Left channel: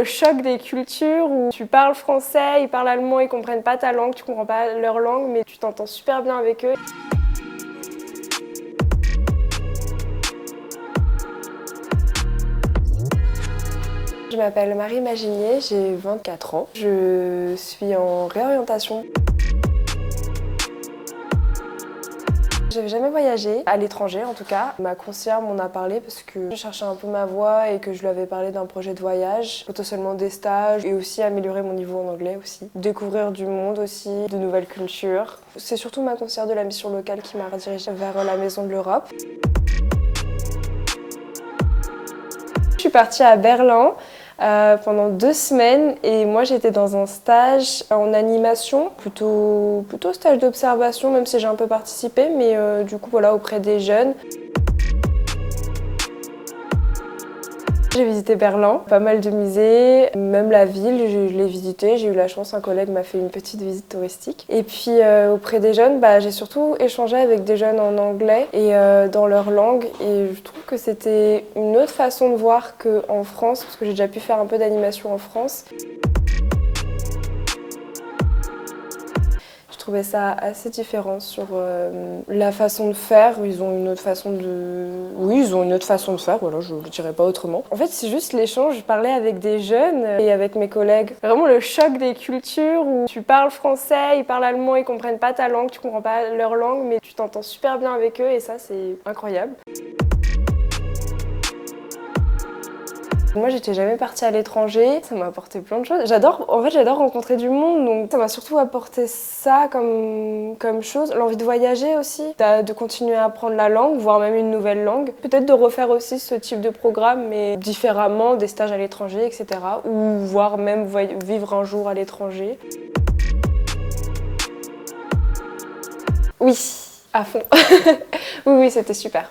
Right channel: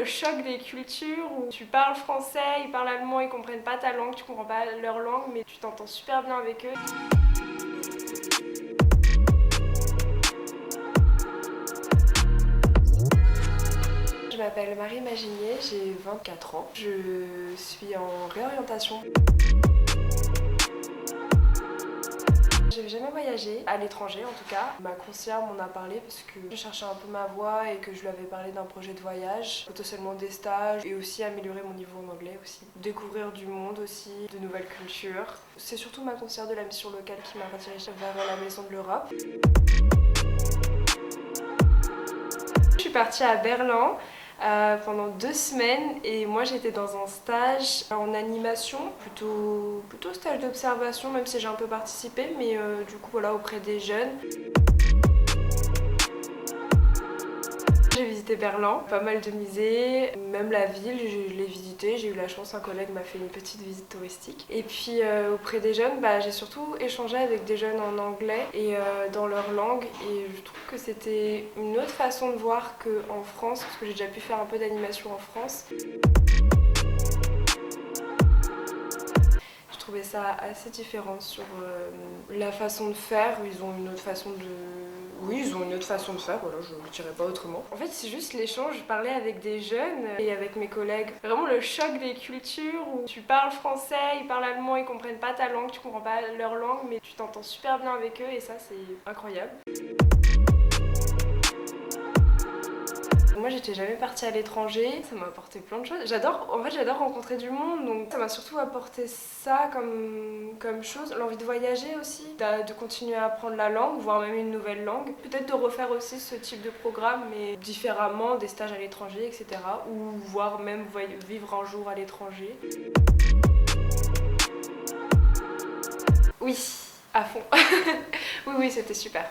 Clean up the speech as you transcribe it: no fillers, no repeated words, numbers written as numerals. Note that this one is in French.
le choc des cultures où tu parles français, ils parlent allemand, ils comprennent pas ta langue, tu comprends pas leur langue, mais tu t'entends super bien avec eux. Je m'appelle Marie Maginier, j'ai 24 ans. Je suis en réorientation. J'avais jamais voyagé, à l'étranger en tout cas. Ma conseillère m'en a parlé parce que je cherchais un peu ma voie et que je lui avais parlé d'un projet de voyage, potentiellement des stages et aussi améliorer mon niveau en anglais aussi. Découvrir du monde aussi, de nouvelles cultures. C'est surtout ma conseillère de la mission locale qui m'a redirigée vers la Maison de l'Europe. Je suis partie à Berlin pendant 2 semaines et moi j'étais dans un stage en animation, plutôt stage d'observation même si j'ai un peu participé, mais du coup voilà auprès des jeunes. J'ai visité Berlin, pas mal de musées, même la ville, je l'ai visitée. J'ai eu la chance, un collègue m'a fait une petite visite touristique. Et puis auprès des jeunes, j'ai surtout échangé avec des jeunes en anglais et dans leur langue. Et je trouve que c'était une autre façon de voir qu'en France, parce que j'ai déjà pu faire un peu d'animation en France. Je trouvais ça assez différent sur la façon de faire. Ils ont une autre façon de... Oui, ils ont une autre façon de faire, voilà, je ne le dirais pas autrement. En fait, c'est juste l'échange. Je parlais avec des jeunes et avec mes collègues. Vraiment le choc des cultures où tu parles français, ils parlent allemand, ils comprennent pas ta langue, tu comprends pas leur langue, mais tu t'entends super bien avec eux et ça, c'est incroyable. Moi, j'étais jamais partie à l'étranger, ça m'a apporté plein de choses. J'adore rencontrer du monde, donc ça m'a surtout apporté ça comme chose. L'envie de voyager aussi, de continuer à apprendre la langue, voire même une nouvelle langue. Peut-être de refaire aussi ce type de programme, mais différemment, des stages à l'étranger, etc. Ou voire même vivre un jour à l'étranger. Oui, à fond. Oui, c'était super.